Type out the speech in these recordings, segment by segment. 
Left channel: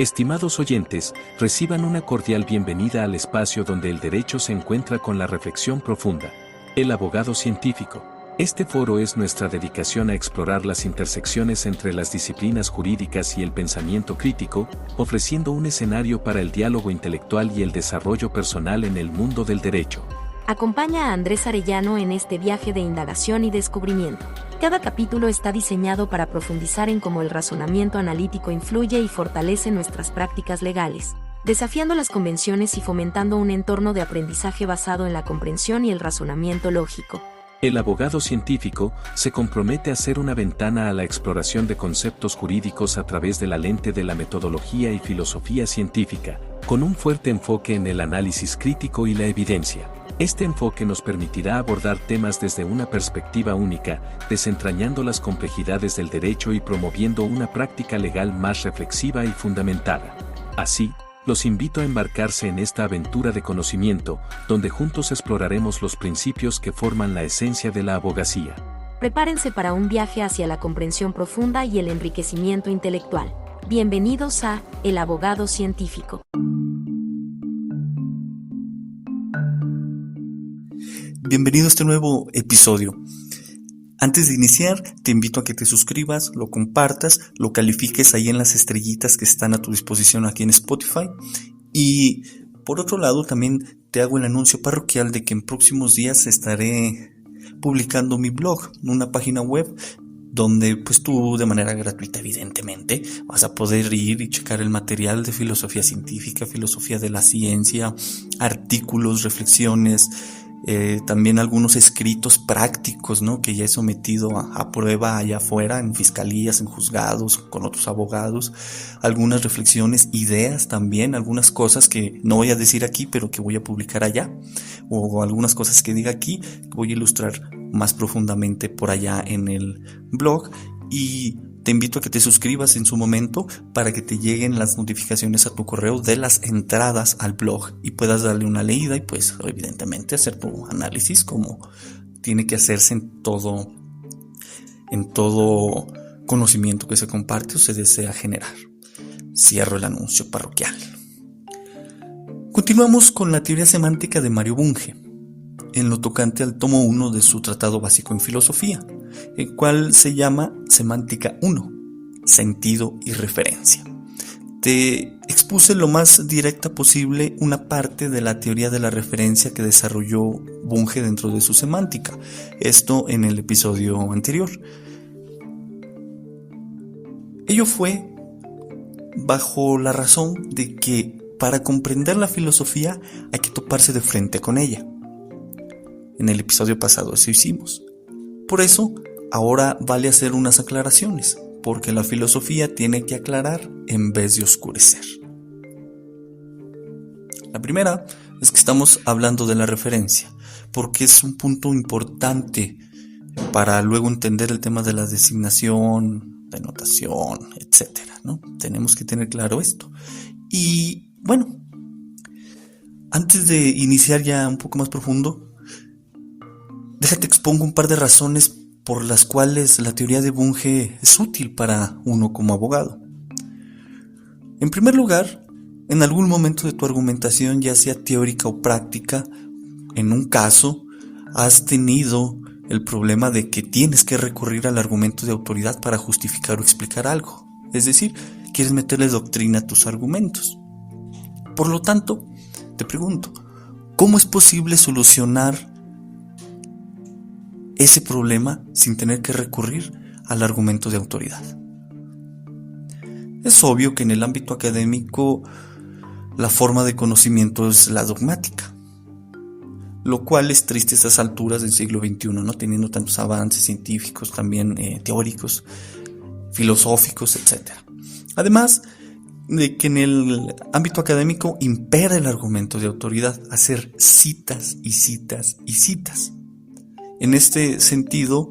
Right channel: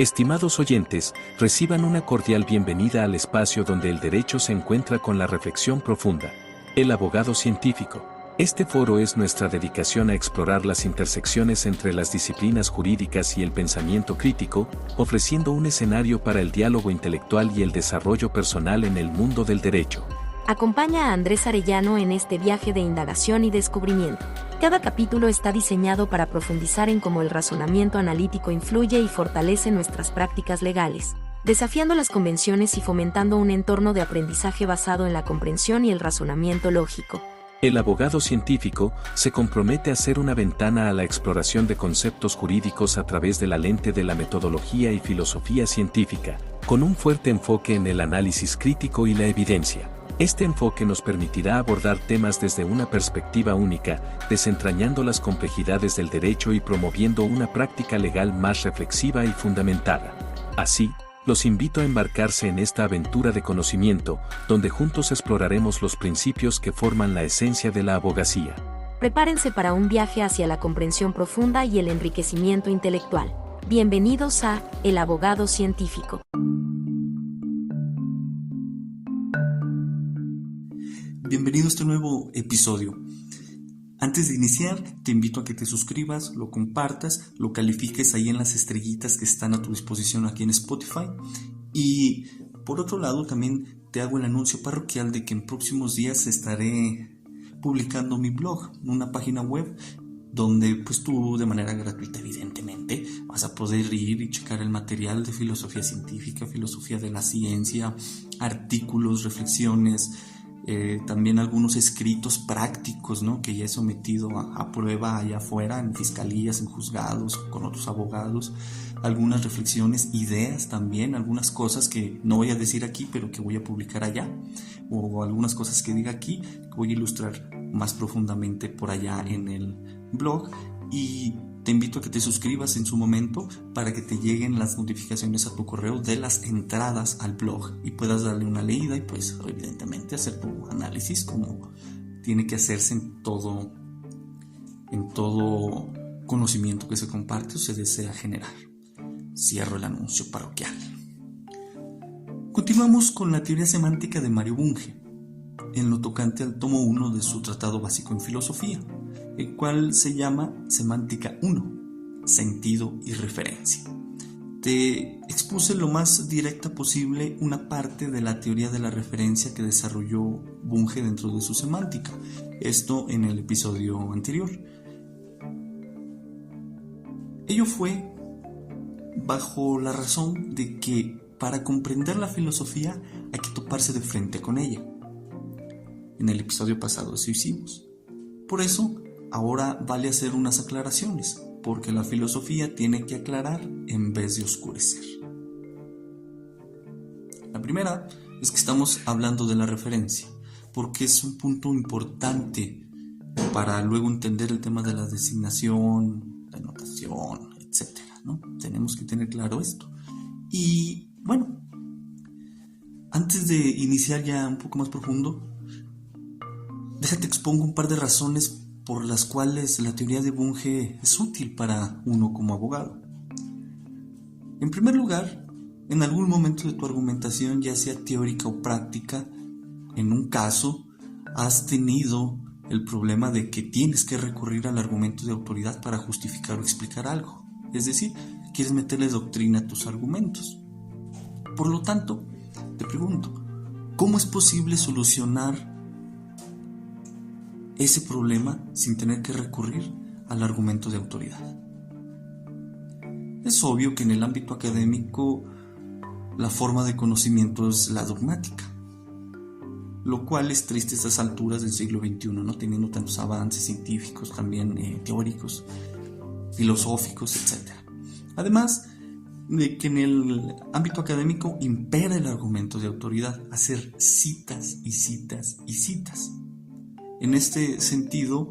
Estimados oyentes, reciban una cordial bienvenida al espacio donde el derecho se encuentra con la reflexión profunda. El abogado científico. Este foro es nuestra dedicación a explorar las intersecciones entre las disciplinas jurídicas y el pensamiento crítico, ofreciendo un escenario para el diálogo intelectual y el desarrollo personal en el mundo del derecho. Acompaña a Andrés Arellano en este viaje de indagación y descubrimiento. Cada capítulo está diseñado para profundizar en cómo el razonamiento analítico influye y fortalece nuestras prácticas legales, desafiando las convenciones y fomentando un entorno de aprendizaje basado en la comprensión y el razonamiento lógico. El abogado científico se compromete a ser una ventana a la exploración de conceptos jurídicos a través de la lente de la metodología y filosofía científica, con un fuerte enfoque en el análisis crítico y la evidencia. Este enfoque nos permitirá abordar temas desde una perspectiva única, desentrañando las complejidades del derecho y promoviendo una práctica legal más reflexiva y fundamentada. Así, los invito a embarcarse en esta aventura de conocimiento, donde juntos exploraremos los principios que forman la esencia de la abogacía. Prepárense para un viaje hacia la comprensión profunda y el enriquecimiento intelectual. Bienvenidos a El Abogado Científico. Bienvenido a este nuevo episodio. Antes de iniciar, te invito a que te suscribas, lo compartas, lo califiques ahí en las estrellitas que están a tu disposición aquí en Spotify. Y por otro lado, también te hago el anuncio parroquial de que en próximos días estaré publicando mi blog, una página web donde pues tú de manera gratuita evidentemente vas a poder ir y checar el material de filosofía científica, filosofía de la ciencia, artículos, reflexiones, también algunos escritos prácticos, ¿no?, que ya he sometido a prueba allá afuera en fiscalías, en juzgados, con otros abogados, algunas reflexiones, ideas también, algunas cosas que no voy a decir aquí pero que voy a publicar allá, o algunas cosas que diga aquí que voy a ilustrar más profundamente por allá en el blog. Y te invito a que te suscribas en su momento para que te lleguen las notificaciones a tu correo de las entradas al blog y puedas darle una leída y pues evidentemente hacer tu análisis como tiene que hacerse en todo conocimiento que se comparte o se desea generar. Cierro el anuncio parroquial. Continuamos con la teoría semántica de Mario Bunge, en lo tocante al tomo 1 de su Tratado Básico en Filosofía, el cual se llama Semántica 1, Sentido y Referencia. Te expuse lo más directa posible una parte de la teoría de la referencia que desarrolló Bunge dentro de su semántica, esto en el episodio anterior. Ello fue bajo la razón de que para comprender la filosofía hay que toparse de frente con ella. En el episodio pasado eso hicimos. Por eso, ahora vale hacer unas aclaraciones, porque la filosofía tiene que aclarar en vez de oscurecer. La primera es que estamos hablando de la referencia, porque es un punto importante para luego entender el tema de la designación, denotación, etc., ¿no? Tenemos que tener claro esto. Y bueno, antes de iniciar ya un poco más profundo, déjate expongo un par de razones por las cuales la teoría de Bunge es útil para uno como abogado. En primer lugar, en algún momento de tu argumentación, ya sea teórica o práctica, en un caso, has tenido el problema de que tienes que recurrir al argumento de autoridad para justificar o explicar algo. Es decir, quieres meterle doctrina a tus argumentos. Por lo tanto, te pregunto, ¿cómo es posible solucionar ese problema sin tener que recurrir al argumento de autoridad? Es obvio que en el ámbito académico la forma de conocimiento es la dogmática, lo cual es triste a estas alturas del siglo XXI, no teniendo tantos avances científicos, también teóricos, filosóficos, etc. Además de que en el ámbito académico impera el argumento de autoridad, hacer citas y citas y citas. En este sentido,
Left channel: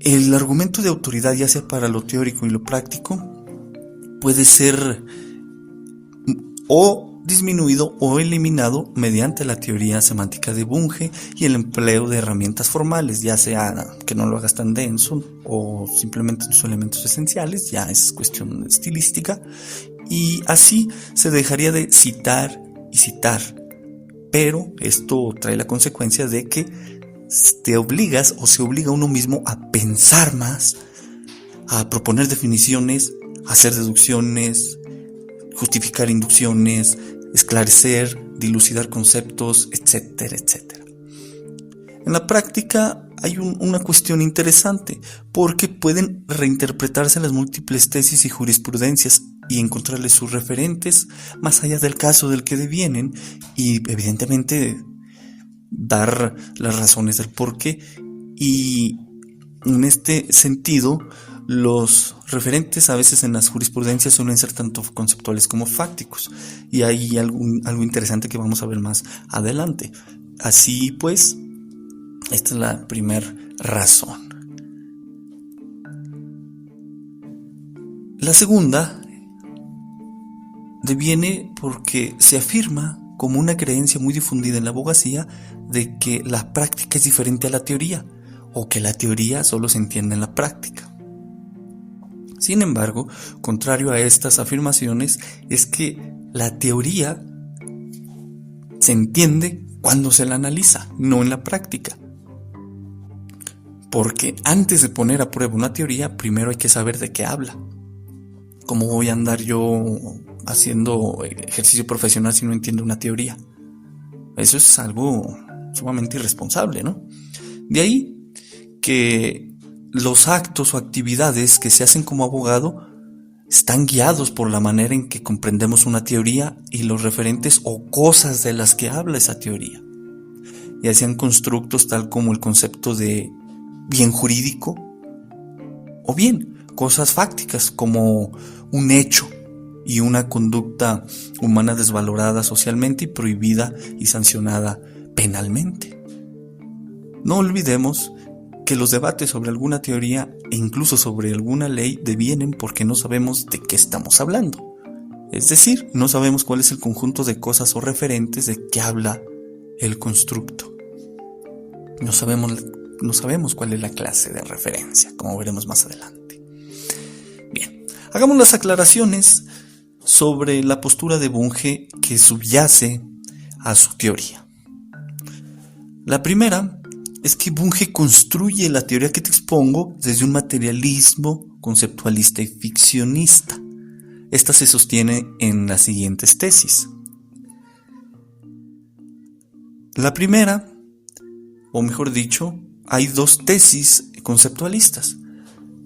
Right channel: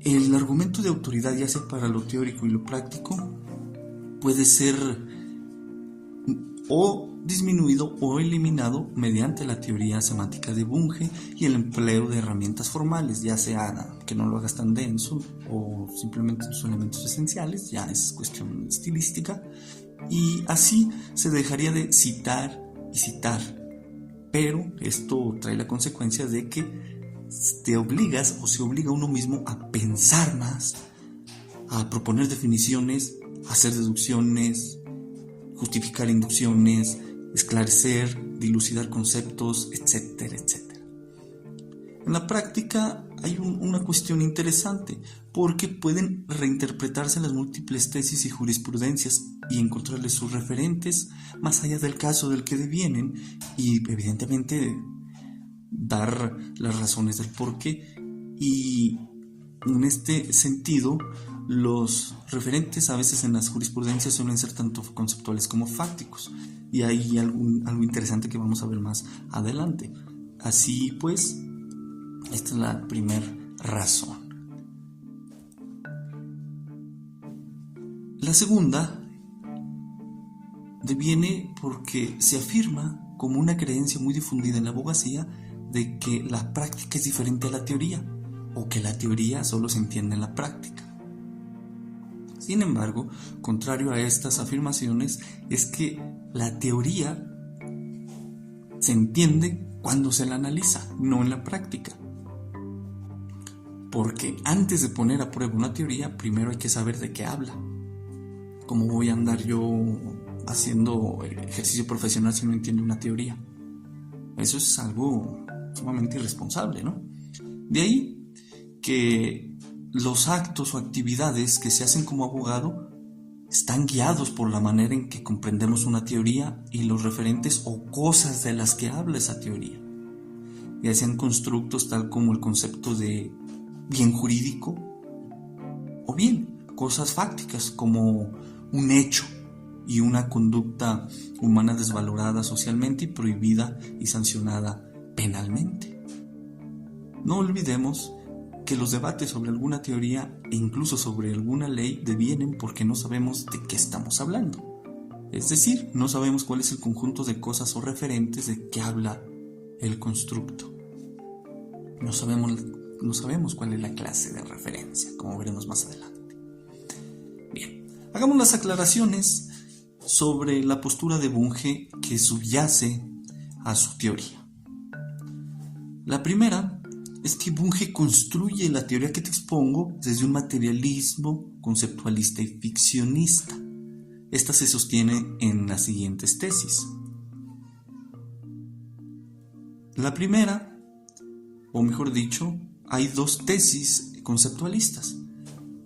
el argumento de autoridad, ya sea para lo teórico y lo práctico, puede ser o disminuido o eliminado mediante la teoría semántica de Bunge y el empleo de herramientas formales, ya sea que no lo hagas tan denso o simplemente sus elementos esenciales, ya es cuestión estilística, y así se dejaría de citar y citar. Pero esto trae la consecuencia de que te obligas o se obliga a uno mismo a pensar más, a proponer definiciones, a hacer deducciones, justificar inducciones, esclarecer, dilucidar conceptos, etcétera, etcétera. En la práctica hay una cuestión interesante, porque pueden reinterpretarse las múltiples tesis y jurisprudencias y encontrarles sus referentes más allá del caso del que devienen y evidentemente dar las razones del porqué. Y en este sentido, los referentes a veces en las jurisprudencias suelen ser tanto conceptuales como fácticos, y hay algo interesante que vamos a ver más adelante. Así pues, esta es la primera razón. La segunda deviene porque se afirma como una creencia muy difundida en la abogacía de que la práctica es diferente a la teoría, o que la teoría solo se entiende en la práctica. Sin embargo, contrario a estas afirmaciones, es que la teoría se entiende cuando se la analiza, no en la práctica. Porque antes de poner a prueba una teoría, primero hay que saber de qué habla. ¿Cómo voy a andar yo haciendo ejercicio profesional si no entiendo una teoría? Eso es algo sumamente irresponsable, ¿no? De ahí que los actos o actividades que se hacen como abogado están guiados por la manera en que comprendemos una teoría y los referentes o cosas de las que habla esa teoría. Ya sean constructos tal como el concepto de bien jurídico, o bien cosas fácticas como un hecho y una conducta humana desvalorada socialmente y prohibida y sancionada penalmente. No olvidemos que los debates sobre alguna teoría e incluso sobre alguna ley devienen porque no sabemos de qué estamos hablando. Es decir, no sabemos cuál es el conjunto de cosas o referentes de que habla el constructo. No sabemos cuál es la clase de referencia, como veremos más adelante. Bien, hagamos las aclaraciones sobre la postura de Bunge que subyace a su teoría. La primera es que Bunge construye la teoría que te expongo desde un materialismo conceptualista y ficcionista. Esta se sostiene en las siguientes tesis. La primera, o mejor dicho, hay dos tesis conceptualistas.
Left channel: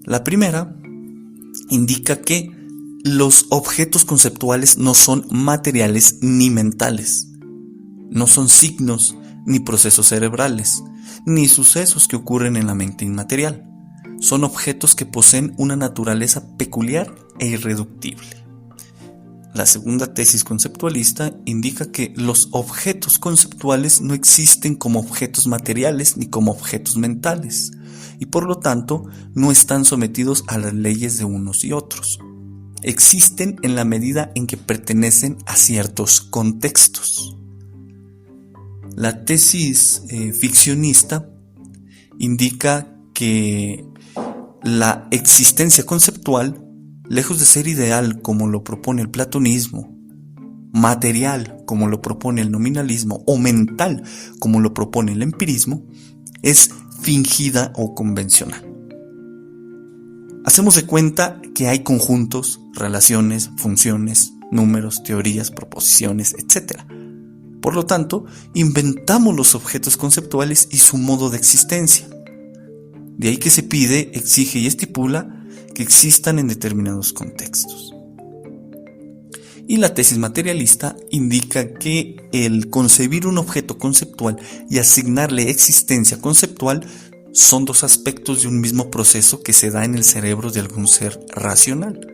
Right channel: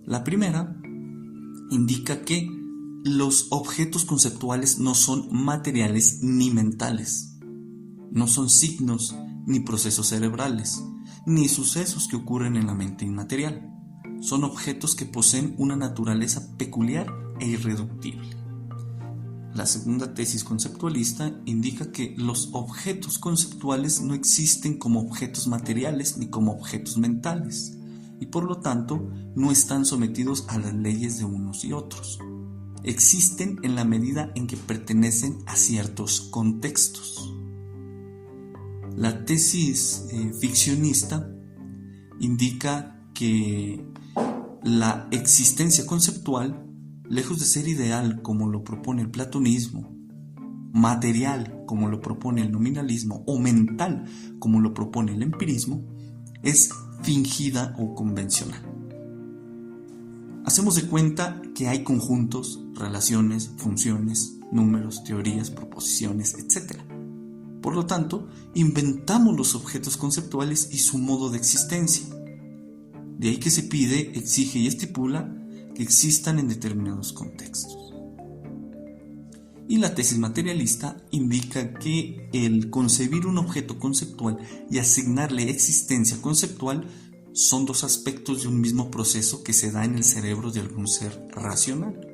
La primera indica que los objetos conceptuales no son materiales ni mentales, no son signos ni procesos cerebrales, ni sucesos que ocurren en la mente inmaterial. Son objetos que poseen una naturaleza peculiar e irreductible. La segunda tesis conceptualista indica que los objetos conceptuales no existen como objetos materiales ni como objetos mentales, y por lo tanto no están sometidos a las leyes de unos y otros. Existen en la medida en que pertenecen a ciertos contextos. La tesis ficcionista indica que la existencia conceptual, lejos de ser ideal como lo propone el platonismo, material como lo propone el nominalismo o mental como lo propone el empirismo, es fingida o convencional. Hacemos de cuenta que hay conjuntos, relaciones, funciones, números, teorías, proposiciones, etc. Por lo tanto, inventamos los objetos conceptuales y su modo de existencia. De ahí que se pide, exige y estipula que existan en determinados contextos. Y la tesis materialista indica que el concebir un objeto conceptual y asignarle existencia conceptual son dos aspectos de un mismo proceso que se da en el cerebro de algún ser racional.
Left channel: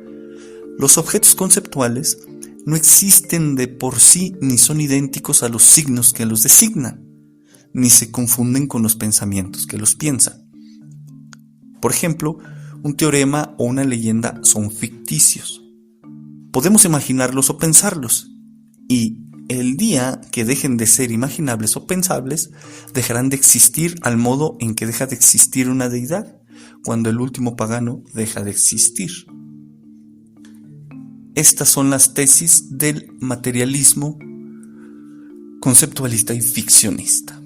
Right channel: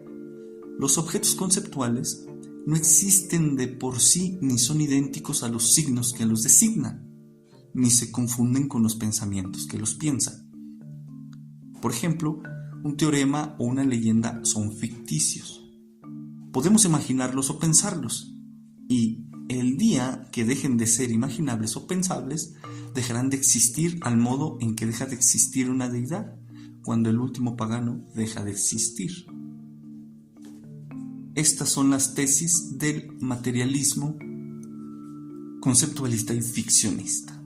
Los objetos conceptuales no existen de por sí ni son idénticos a los signos que los designan, ni se confunden con los pensamientos que los piensan. Por ejemplo, un teorema o una leyenda son ficticios. Podemos imaginarlos o pensarlos, y el día que dejen de ser imaginables o pensables, dejarán de existir al modo en que deja de existir una deidad, cuando el último pagano deja de existir. Estas son las tesis del materialismo conceptualista y ficcionista.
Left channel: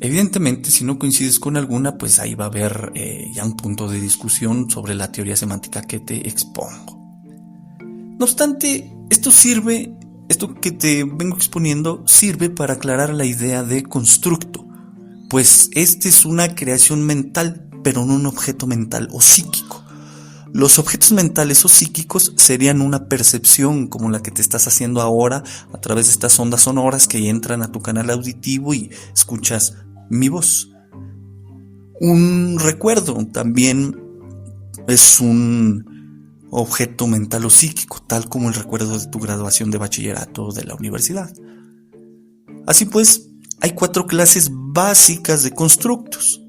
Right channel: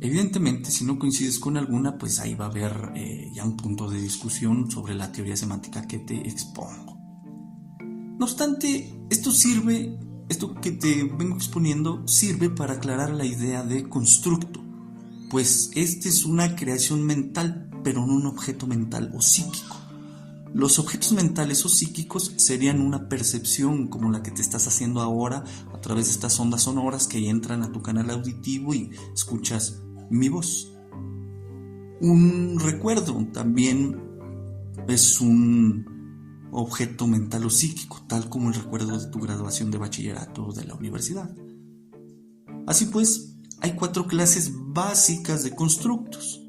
Evidentemente, si no coincides con alguna, pues ahí va a haber ya un punto de discusión sobre la teoría semántica que te expongo. No obstante, esto que te vengo exponiendo, sirve para aclarar la idea de constructo, pues este es una creación mental, pero no un objeto mental o psíquico. Los objetos mentales o psíquicos serían una percepción como la que te estás haciendo ahora a través de estas ondas sonoras que entran a tu canal auditivo y escuchas mi voz. Un recuerdo también es un objeto mental o psíquico, tal como el recuerdo de tu graduación de bachillerato o de la universidad. Así pues, hay 4 clases básicas de constructos,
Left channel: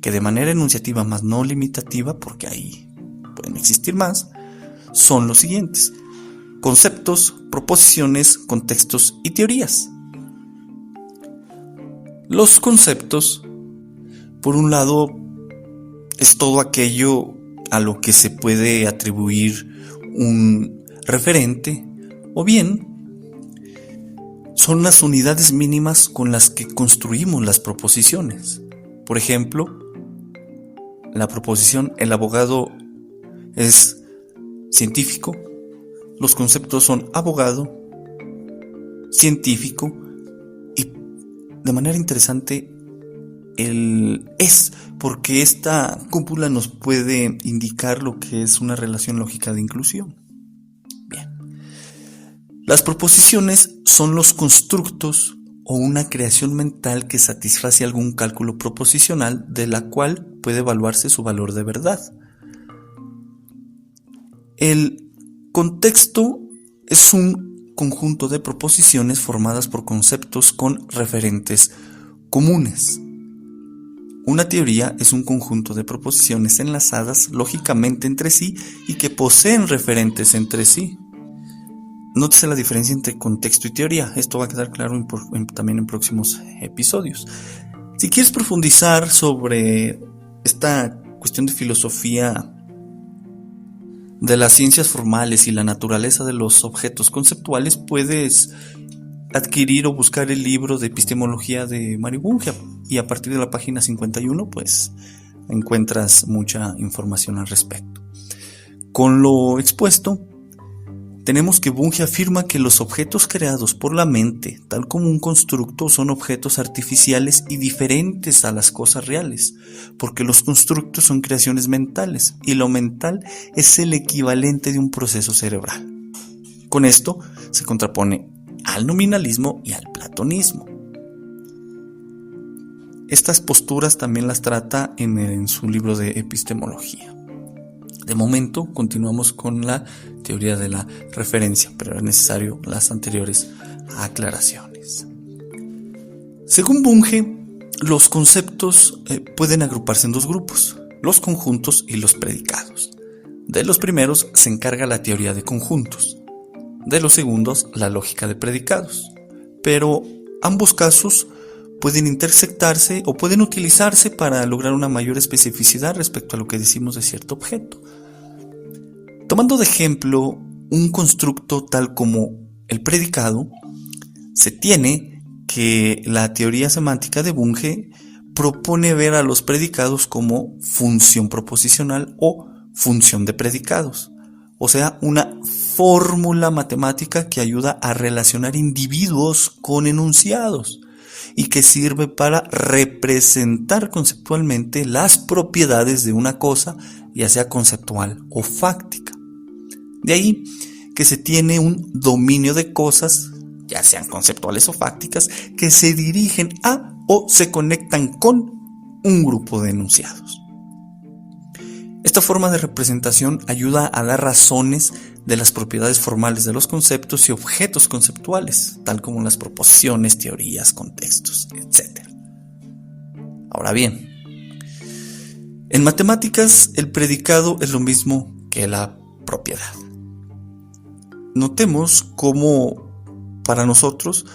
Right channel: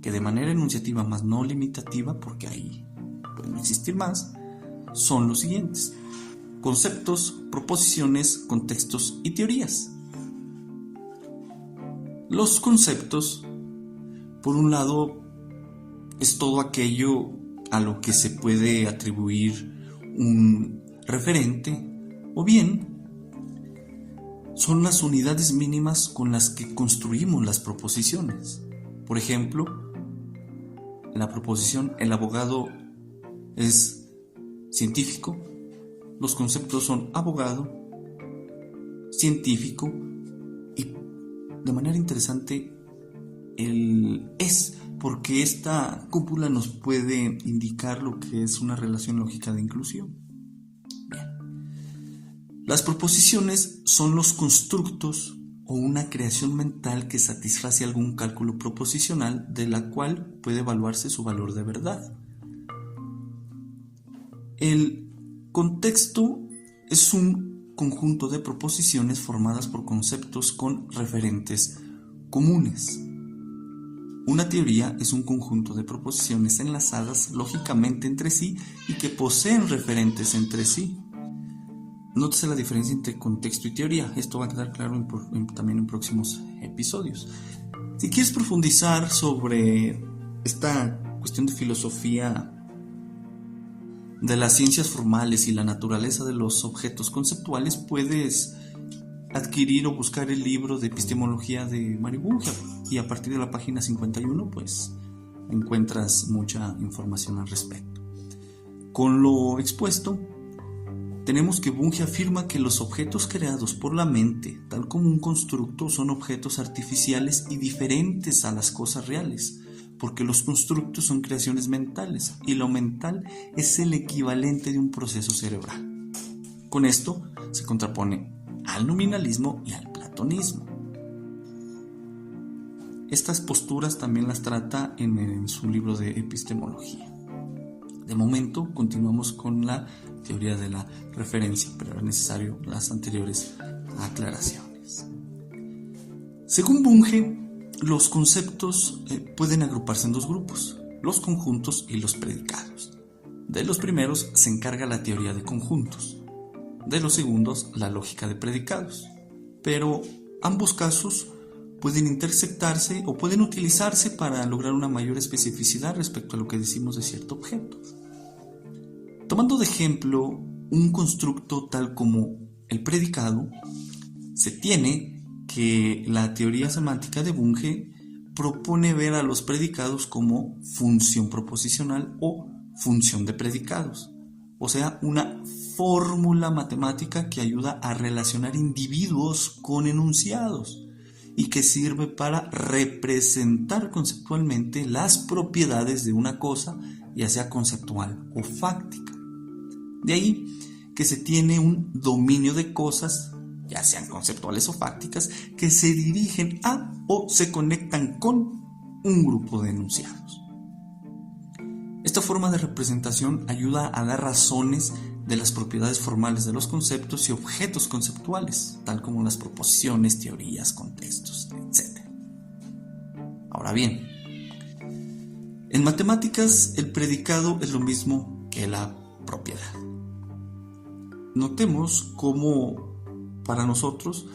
que de manera enunciativa más no limitativa, porque ahí pueden existir más, son los siguientes: conceptos, proposiciones, contextos y teorías. Los conceptos, por un lado, es todo aquello a lo que se puede atribuir un referente, o bien son las unidades mínimas con las que construimos las proposiciones. Por ejemplo, la proposición "el abogado es científico", los conceptos son abogado, científico y, de manera interesante, el "es", porque esta cúpula nos puede indicar lo que es una relación lógica de inclusión. Bien. Las proposiciones son los constructos o una creación mental que satisface algún cálculo proposicional de la cual puede evaluarse su valor de verdad. El contexto es un conjunto de proposiciones formadas por conceptos con referentes comunes. Una teoría es un conjunto de proposiciones enlazadas lógicamente entre sí y que poseen referentes entre sí. Nótese la diferencia entre contexto y teoría. Esto va a quedar claro también en próximos episodios. Si quieres profundizar sobre esta cuestión de filosofía de las ciencias formales y la naturaleza de los objetos conceptuales, puedes adquirir o buscar el libro de epistemología de Mario Bunge, y a partir de la página 51 pues encuentras mucha información al respecto. Con lo expuesto, tenemos que Bunge afirma que los objetos creados por la mente, tal como un constructo, son objetos artificiales y diferentes a las cosas reales, porque los constructos son creaciones mentales y lo mental es el equivalente de un proceso cerebral. Con esto se contrapone al nominalismo y al platonismo. Estas posturas también las trata en su libro de epistemología. De momento continuamos con la teoría de la referencia, pero es necesario las anteriores aclaraciones. Según Bunge, los conceptos pueden agruparse en 2 grupos: los conjuntos y los predicados. De los primeros se encarga la teoría de conjuntos, de los segundos la lógica de predicados, pero ambos casos pueden intersectarse o pueden utilizarse para lograr una mayor especificidad respecto a lo que decimos de cierto objeto. Tomando de ejemplo un constructo tal como el predicado, se tiene que la teoría semántica de Bunge propone ver a los predicados como función proposicional o función de predicados, o sea, una fórmula matemática que ayuda a relacionar individuos con enunciados y que sirve para representar conceptualmente las propiedades de una cosa, ya sea conceptual o fáctica. De ahí que se tiene un dominio de cosas, ya sean conceptuales o fácticas, que se dirigen a o se conectan con un grupo de enunciados. Esta forma de representación ayuda a dar razones de las propiedades formales de los conceptos y objetos conceptuales, tal como las proposiciones, teorías, contextos, etc. Ahora bien, en matemáticas el predicado es lo mismo que la propiedad. notemos cómo para nosotros,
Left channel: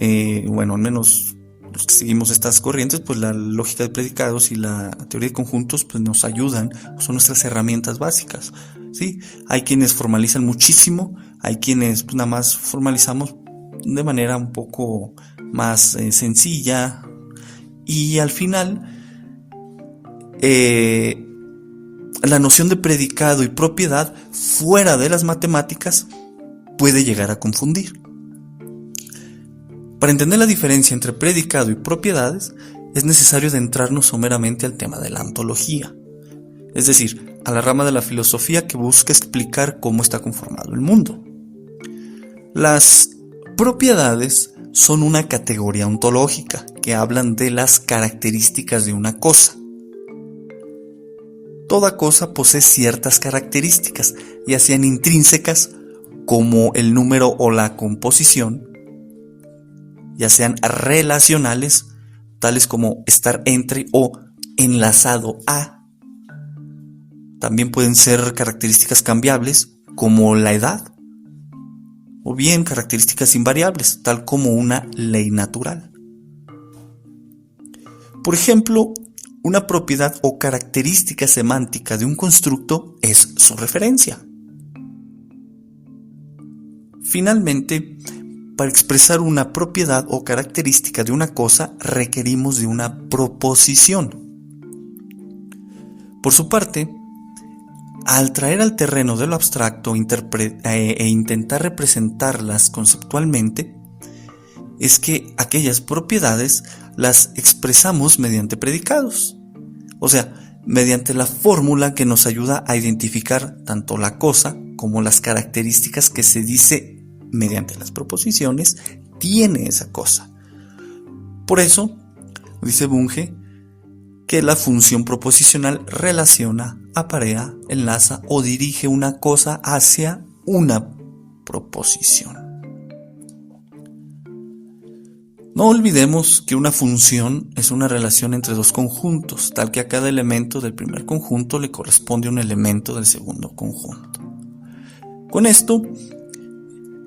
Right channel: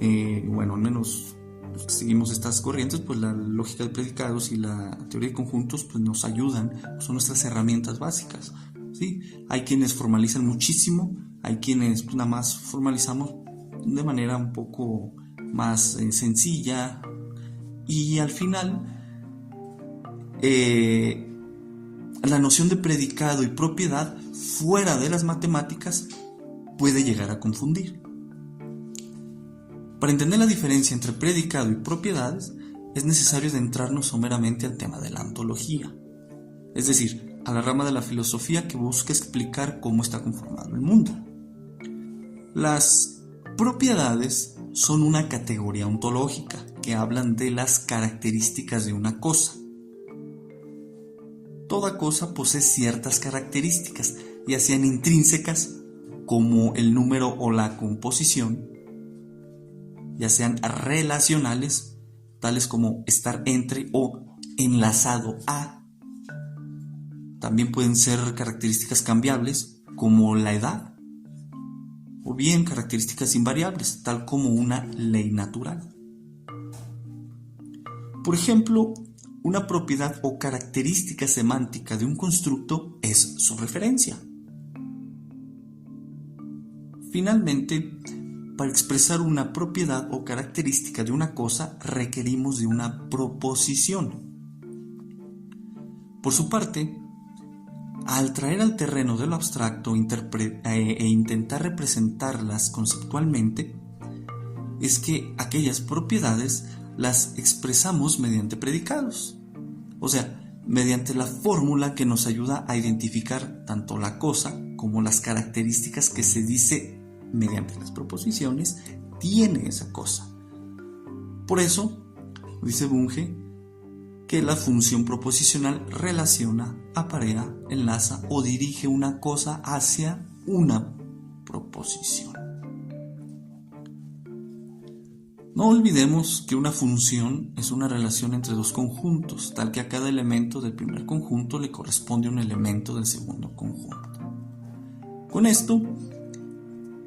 al menos los que seguimos estas corrientes, pues la lógica de predicados y la teoría de conjuntos pues nos ayudan, son nuestras herramientas básicas, ¿sí? Hay quienes formalizan muchísimo, hay quienes pues nada más formalizamos de manera un poco más sencilla, y al final la noción de predicado y propiedad fuera de las matemáticas puede llegar a confundir. Para entender la diferencia entre predicado y propiedades, es necesario adentrarnos someramente al tema de la ontología, es decir, a la rama de la filosofía que busca explicar cómo está conformado el mundo. Las propiedades son una categoría ontológica que hablan de las características de una cosa. Toda cosa posee ciertas características, ya sean intrínsecas, como el número o la composición, ya sean relacionales, tales como estar entre o enlazado a. También pueden ser características cambiables, como la edad, o bien características invariables, tal como una ley natural. Por ejemplo, una propiedad o característica semántica de un constructo es su referencia. Finalmente, para expresar una propiedad o característica de una cosa requerimos de una proposición. Por su parte, al traer al terreno de lo abstracto e intentar representarlas conceptualmente, es que aquellas propiedades las expresamos mediante predicados, o sea, mediante la fórmula que nos ayuda a identificar tanto la cosa como las características que se dice mediante las proposiciones tiene esa cosa. Por eso, dice Bunge, que la función proposicional relaciona, aparea, enlaza o dirige una cosa hacia una proposición. No olvidemos que una función es una relación entre dos conjuntos, tal que a cada elemento del primer conjunto le corresponde un elemento del segundo conjunto. Con esto,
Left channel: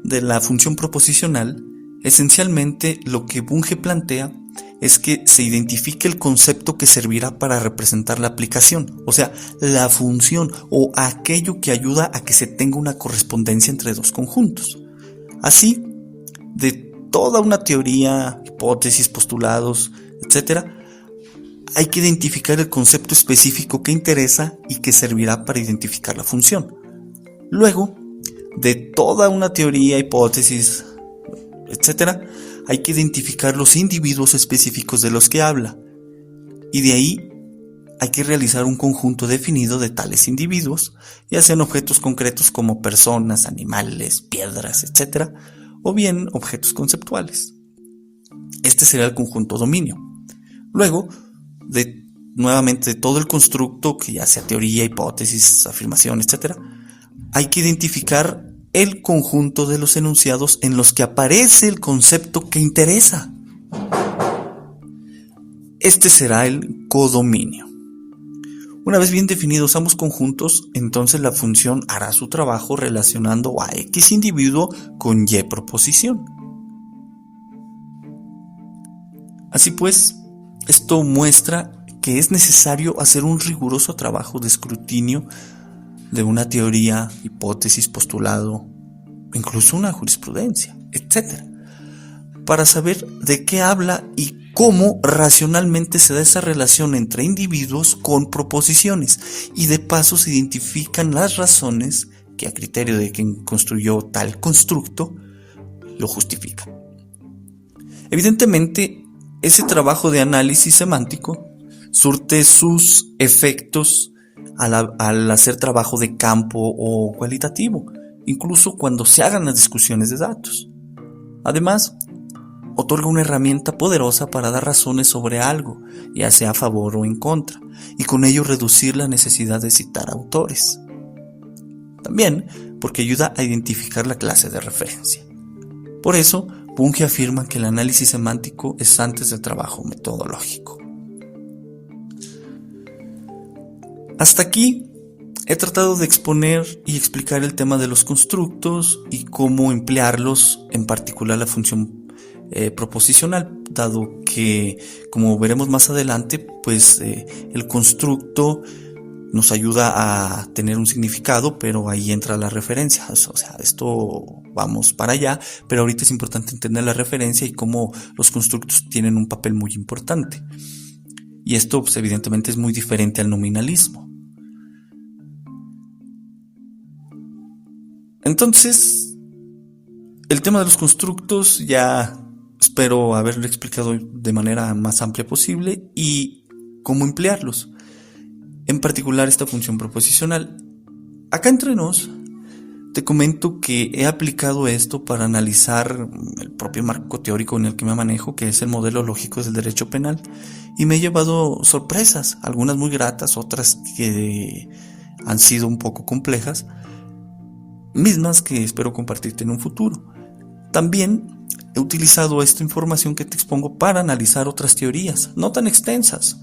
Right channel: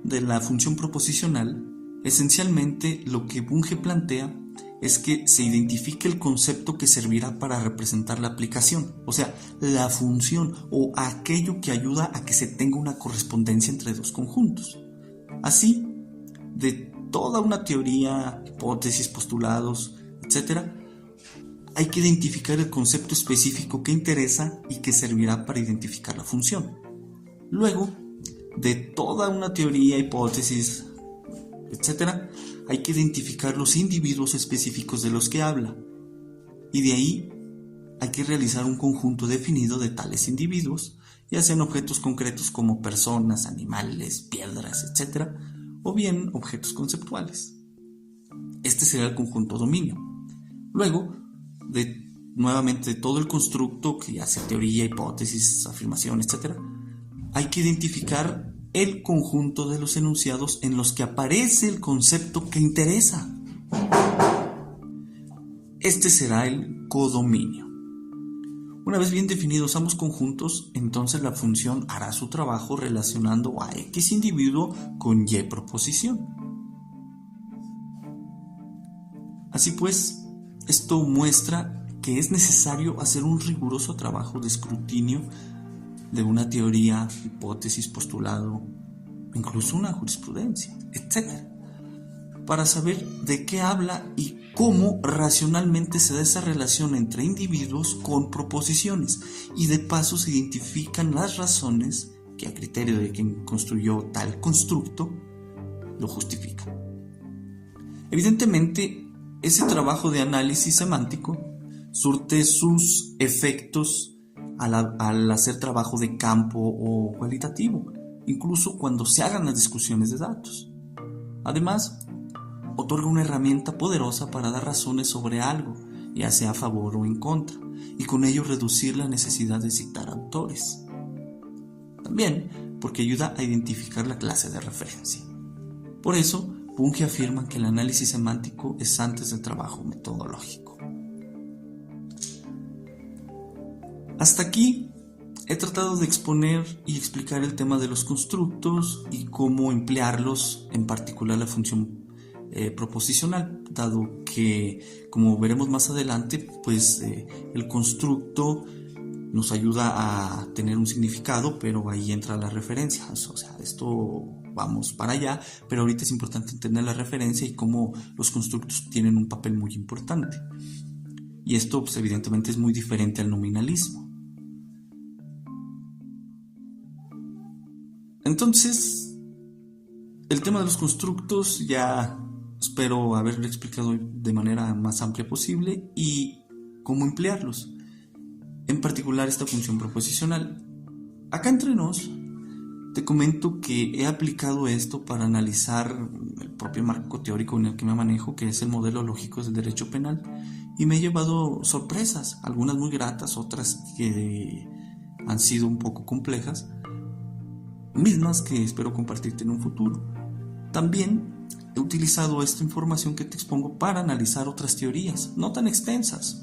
de la función proposicional, esencialmente lo que Bunge plantea es que se identifique el concepto que servirá para representar la aplicación, o sea, la función o aquello que ayuda a que se tenga una correspondencia entre dos conjuntos. Así, de toda una teoría, hipótesis, postulados, etc., hay que identificar el concepto específico que interesa y que servirá para identificar la función. Luego, de toda una teoría, hipótesis, etc., hay que identificar los individuos específicos de los que habla, y de ahí hay que realizar un conjunto definido de tales individuos, ya sean objetos concretos como personas, animales, piedras, etc., o bien objetos conceptuales. Este será el conjunto dominio. Luego, nuevamente de todo el constructo, que ya sea teoría, hipótesis, afirmación, etc., hay que identificar el conjunto de los enunciados en los que aparece el concepto que interesa. Este será el codominio. Una vez bien definidos ambos conjuntos, entonces la función hará su trabajo relacionando a X individuo con Y proposición. Así pues, esto muestra que es necesario hacer un riguroso trabajo de escrutinio de una teoría, hipótesis, postulado, incluso una jurisprudencia, etc., para saber de qué habla y cómo racionalmente se da esa relación entre individuos con proposiciones, y de paso se identifican las razones que a criterio de quien construyó tal constructo lo justifican. Evidentemente, ese trabajo de análisis semántico surte sus efectos al hacer trabajo de campo o cualitativo, incluso cuando se hagan las discusiones de datos. Además, otorga una herramienta poderosa para dar razones sobre algo, ya sea a favor o en contra, y con ello reducir la necesidad de citar autores. También porque ayuda a identificar la clase de referencia. Por eso, Bunge afirma que el análisis semántico es antes del trabajo metodológico. Hasta aquí he tratado de exponer y explicar el tema de los constructos y cómo emplearlos, en particular la función proposicional, dado que, como veremos más adelante, pues el constructo nos ayuda a tener un significado, pero ahí entra la referencia. O sea, esto vamos para allá, pero ahorita es importante entender la referencia y cómo los constructos tienen un papel muy importante. Y esto, pues, evidentemente es muy diferente al nominalismo. Entonces, el tema de los constructos ya espero haberlo explicado de manera más amplia posible y cómo emplearlos. En particular esta función proposicional. Acá entre nos, te comento que he aplicado esto para analizar el propio marco teórico en el que me manejo, que es el modelo lógico del derecho penal, y me he llevado sorpresas, algunas muy gratas, otras que han sido un poco complejas, mismas que espero compartirte en un futuro. También he utilizado esta información que te expongo para analizar otras teorías, no tan extensas.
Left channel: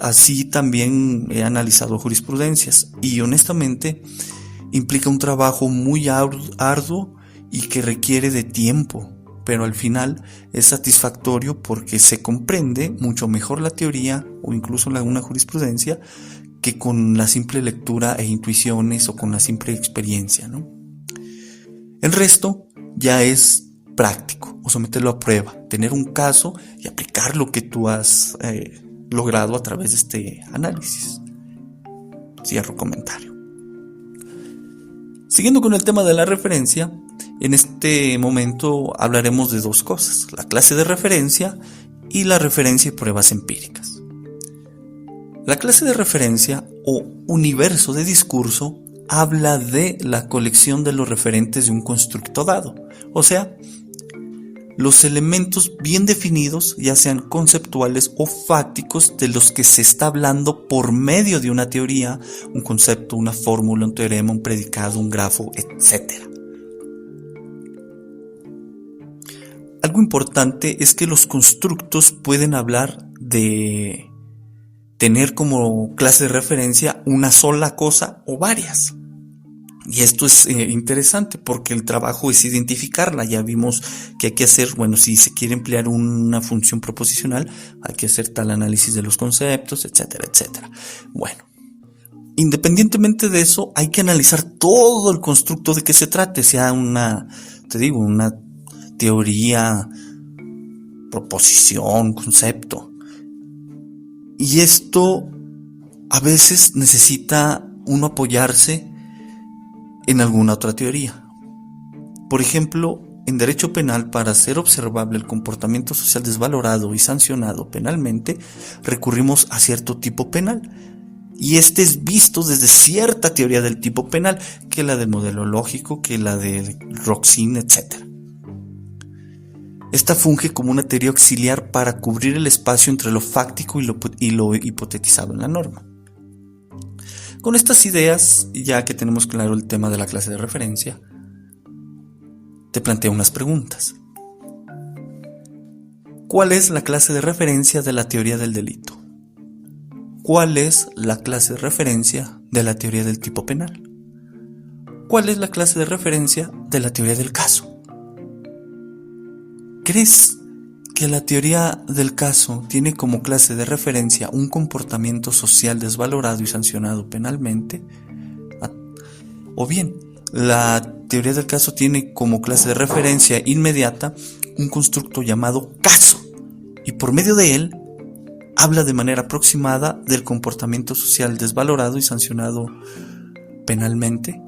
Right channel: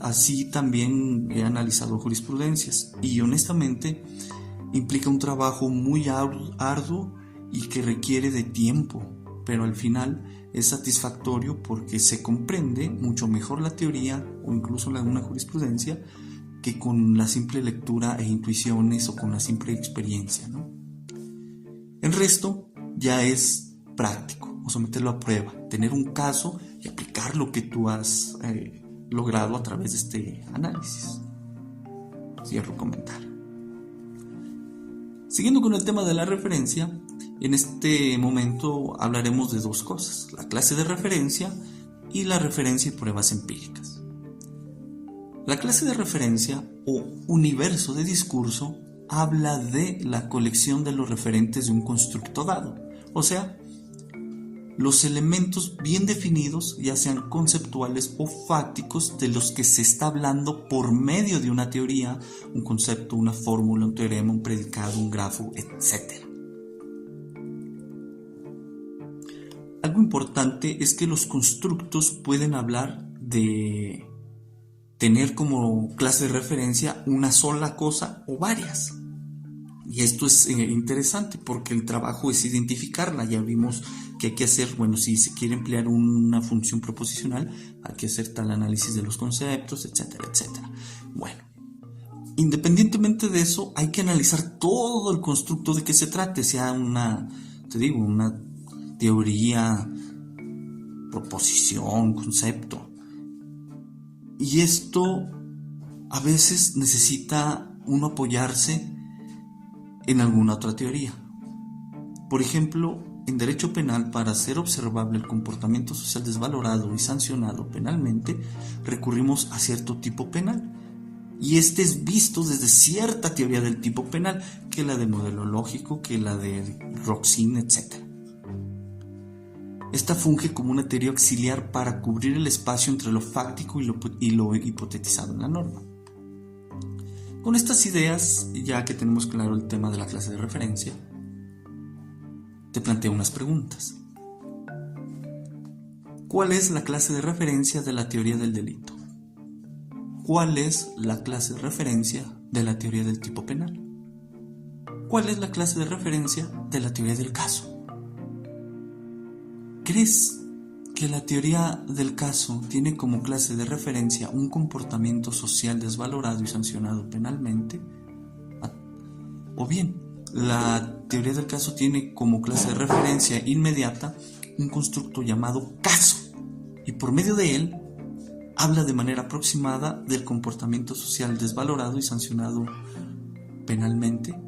Así también he analizado jurisprudencias y honestamente implica un trabajo muy arduo y que requiere de tiempo, pero al final es satisfactorio porque se comprende mucho mejor la teoría o incluso una jurisprudencia que con la simple lectura e intuiciones o con la simple experiencia, ¿no? El resto ya es práctico o someterlo a prueba, tener un caso y aplicar lo que tú has logrado a través de este análisis. Cierro comentario. Siguiendo con el tema de la referencia, en este momento hablaremos de dos cosas: la clase de referencia y la referencia y pruebas empíricas. La clase de referencia o universo de discurso habla de la colección de los referentes de un constructo dado, o sea, los elementos bien definidos, ya sean conceptuales o fácticos, de los que se está hablando por medio de una teoría, un concepto, una fórmula, un teorema, un predicado, un grafo, etc. Algo importante es que los constructos pueden hablar de tener como clase de referencia una sola cosa o varias. Y esto es interesante porque el trabajo es identificarla. Ya vimos que hay que hacer, bueno, si se quiere emplear una función proposicional, hay que hacer tal análisis de los conceptos, etcétera, etcétera. Bueno, independientemente de eso, hay que analizar todo el constructo de que se trate, sea una teoría, proposición, concepto. Y esto a veces necesita uno apoyarse en alguna otra teoría. Por ejemplo, en derecho penal, para hacer observable el comportamiento social desvalorado y sancionado penalmente, recurrimos a cierto tipo penal. Y este es visto desde cierta teoría del tipo penal, que la del modelo lógico, que la de Roxin, etc. Esta funge como una teoría auxiliar para cubrir el espacio entre lo fáctico y lo hipotetizado en la norma. Con estas ideas, ya que tenemos claro el tema de la clase de referencia, te planteo unas preguntas. ¿Cuál es la clase de referencia de la teoría del delito? ¿Cuál es la clase de referencia de la teoría del tipo penal? ¿Cuál es la clase de referencia de la teoría del caso? ¿Crees que la teoría del caso tiene como clase de referencia un comportamiento social desvalorado y sancionado penalmente? O bien, la teoría del caso tiene como clase de referencia inmediata un constructo llamado caso, y por medio de él habla de manera aproximada del comportamiento social desvalorado y sancionado penalmente.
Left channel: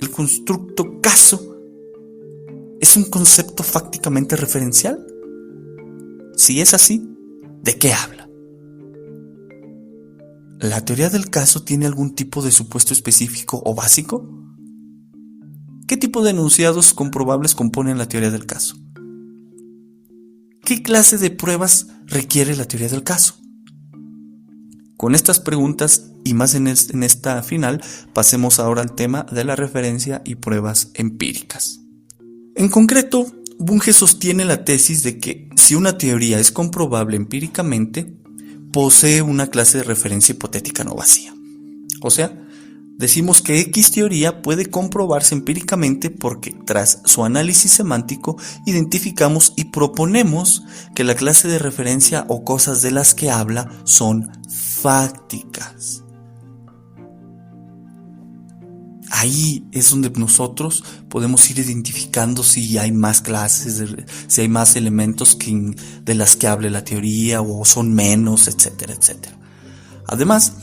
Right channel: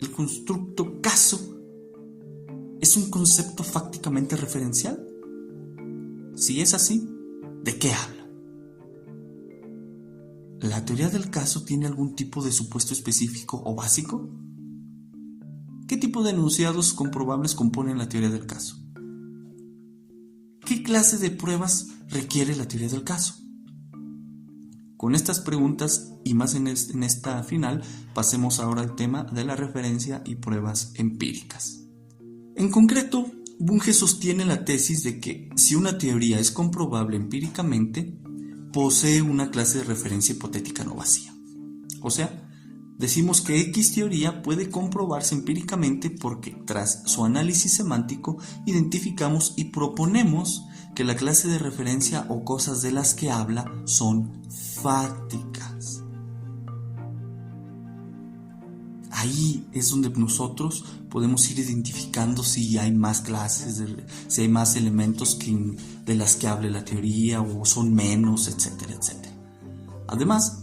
El constructo caso ¿es un concepto fácticamente referencial? Si es así, ¿de qué habla? ¿La teoría del caso tiene algún tipo de supuesto específico o básico? ¿Qué tipo de enunciados comprobables componen la teoría del caso? ¿Qué clase de pruebas requiere la teoría del caso? Con estas preguntas y más en esta final, pasemos ahora al tema de la referencia y pruebas empíricas. En concreto, Bunge sostiene la tesis de que si una teoría es comprobable empíricamente, posee una clase de referencia hipotética no vacía. O sea, decimos que X teoría puede comprobarse empíricamente porque tras su análisis semántico identificamos y proponemos que la clase de referencia o cosas de las que habla son fácticas. Ahí es donde nosotros podemos ir identificando si hay más clases, si hay más elementos de las que hable la teoría o son menos, etcétera, etcétera. Además,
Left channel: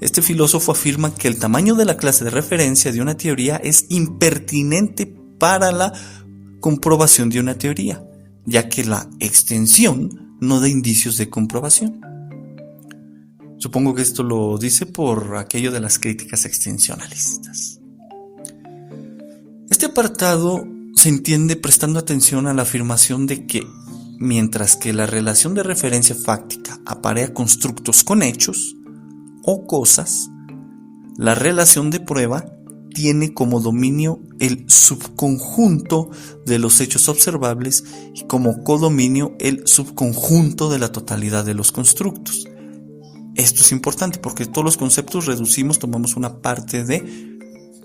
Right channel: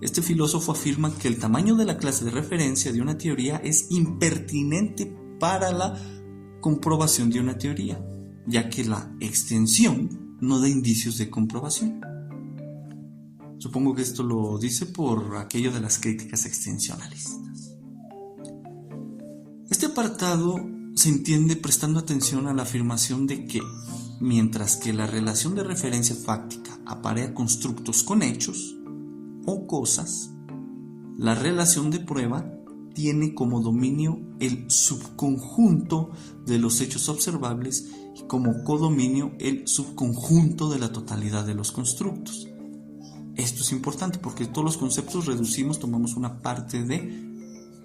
este filósofo afirma que el tamaño de la clase de referencia de una teoría es impertinente para la comprobación de una teoría, ya que la extensión no da indicios de comprobación. Supongo que esto lo dice por aquello de las críticas extensionalistas. Este apartado se entiende prestando atención a la afirmación de que, mientras que la relación de referencia fáctica aparea constructos con hechos o cosas, la relación de prueba tiene como dominio el subconjunto de los hechos observables y como codominio el subconjunto de la totalidad de los constructos. Esto es importante porque todos los conceptos tomamos una parte de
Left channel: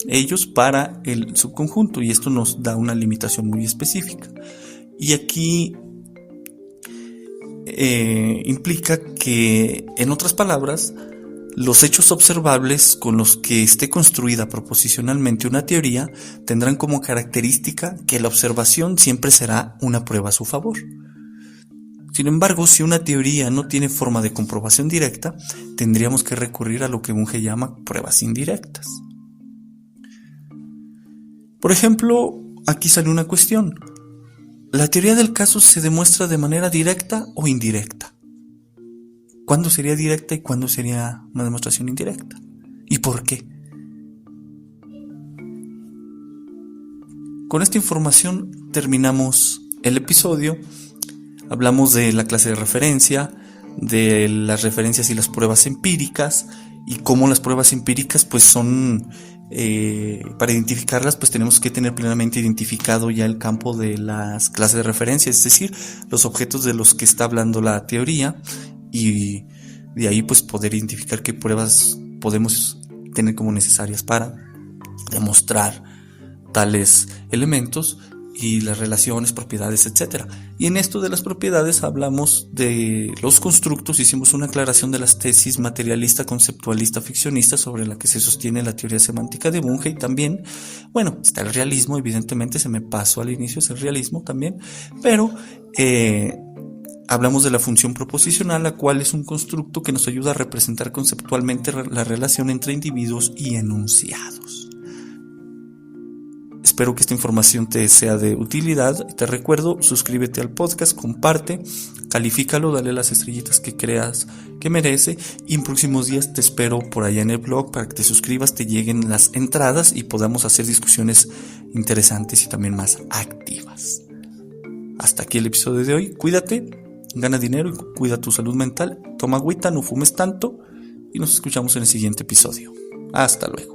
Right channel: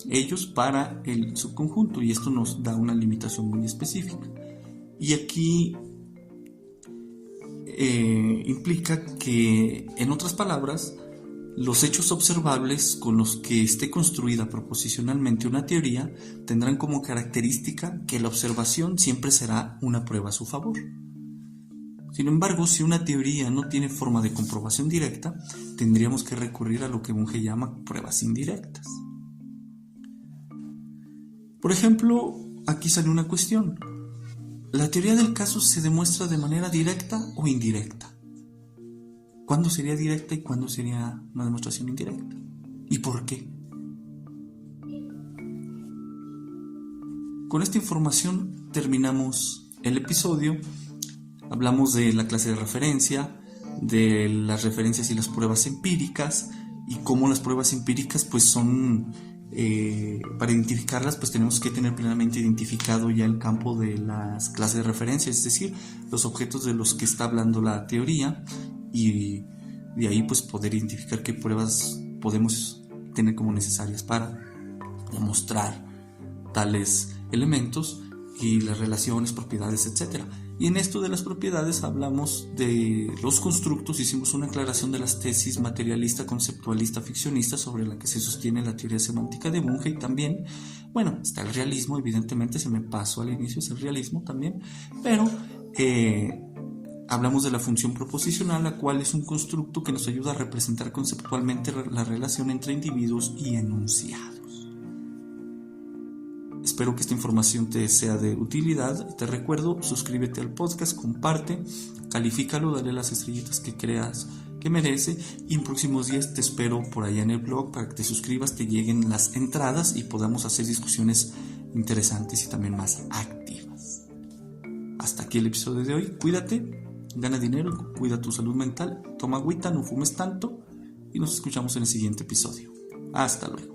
ellos para el subconjunto y esto nos da una limitación muy específica. Y aquí implica que, en otras palabras, los hechos observables con los que esté construida proposicionalmente una teoría tendrán como característica que la observación siempre será una prueba a su favor. Sin embargo, si una teoría no tiene forma de comprobación directa, tendríamos que recurrir a lo que Bunge llama pruebas indirectas. Por ejemplo, aquí sale una cuestión. ¿La teoría del caso se demuestra de manera directa o indirecta? ¿Cuándo sería directa y cuándo sería una demostración indirecta? ¿Y por qué? Con esta información terminamos el episodio. Hablamos de la clase de referencia, de las referencias y las pruebas empíricas y cómo las pruebas empíricas pues son, para identificarlas pues tenemos que tener plenamente identificado ya el campo de las clases de referencia, es decir, los objetos de los que está hablando la teoría y de ahí pues poder identificar qué pruebas podemos tener como necesarias para demostrar tales elementos y las relaciones, propiedades, etc. Y en esto de las propiedades hablamos de los constructos, hicimos una aclaración de las tesis materialista, conceptualista, ficcionista sobre la que se sostiene la teoría semántica de Bunge y también, bueno, está el realismo, evidentemente se me pasó al inicio, es el realismo también, pero hablamos de la función proposicional, la cual es un constructo que nos ayuda a representar conceptualmente la relación entre individuos y enunciados. Espero que esta información te sea de utilidad. Te recuerdo, suscríbete al podcast, comparte, califícalo, dale las estrellitas que creas que merece y en próximos días te espero por allá en el blog para que te suscribas, te lleguen las entradas y podamos hacer discusiones interesantes y también más activas. Hasta aquí el episodio de hoy. Cuídate, gana dinero y cuida tu salud mental. Toma agüita, no fumes tanto y nos escuchamos en el siguiente episodio. Hasta luego.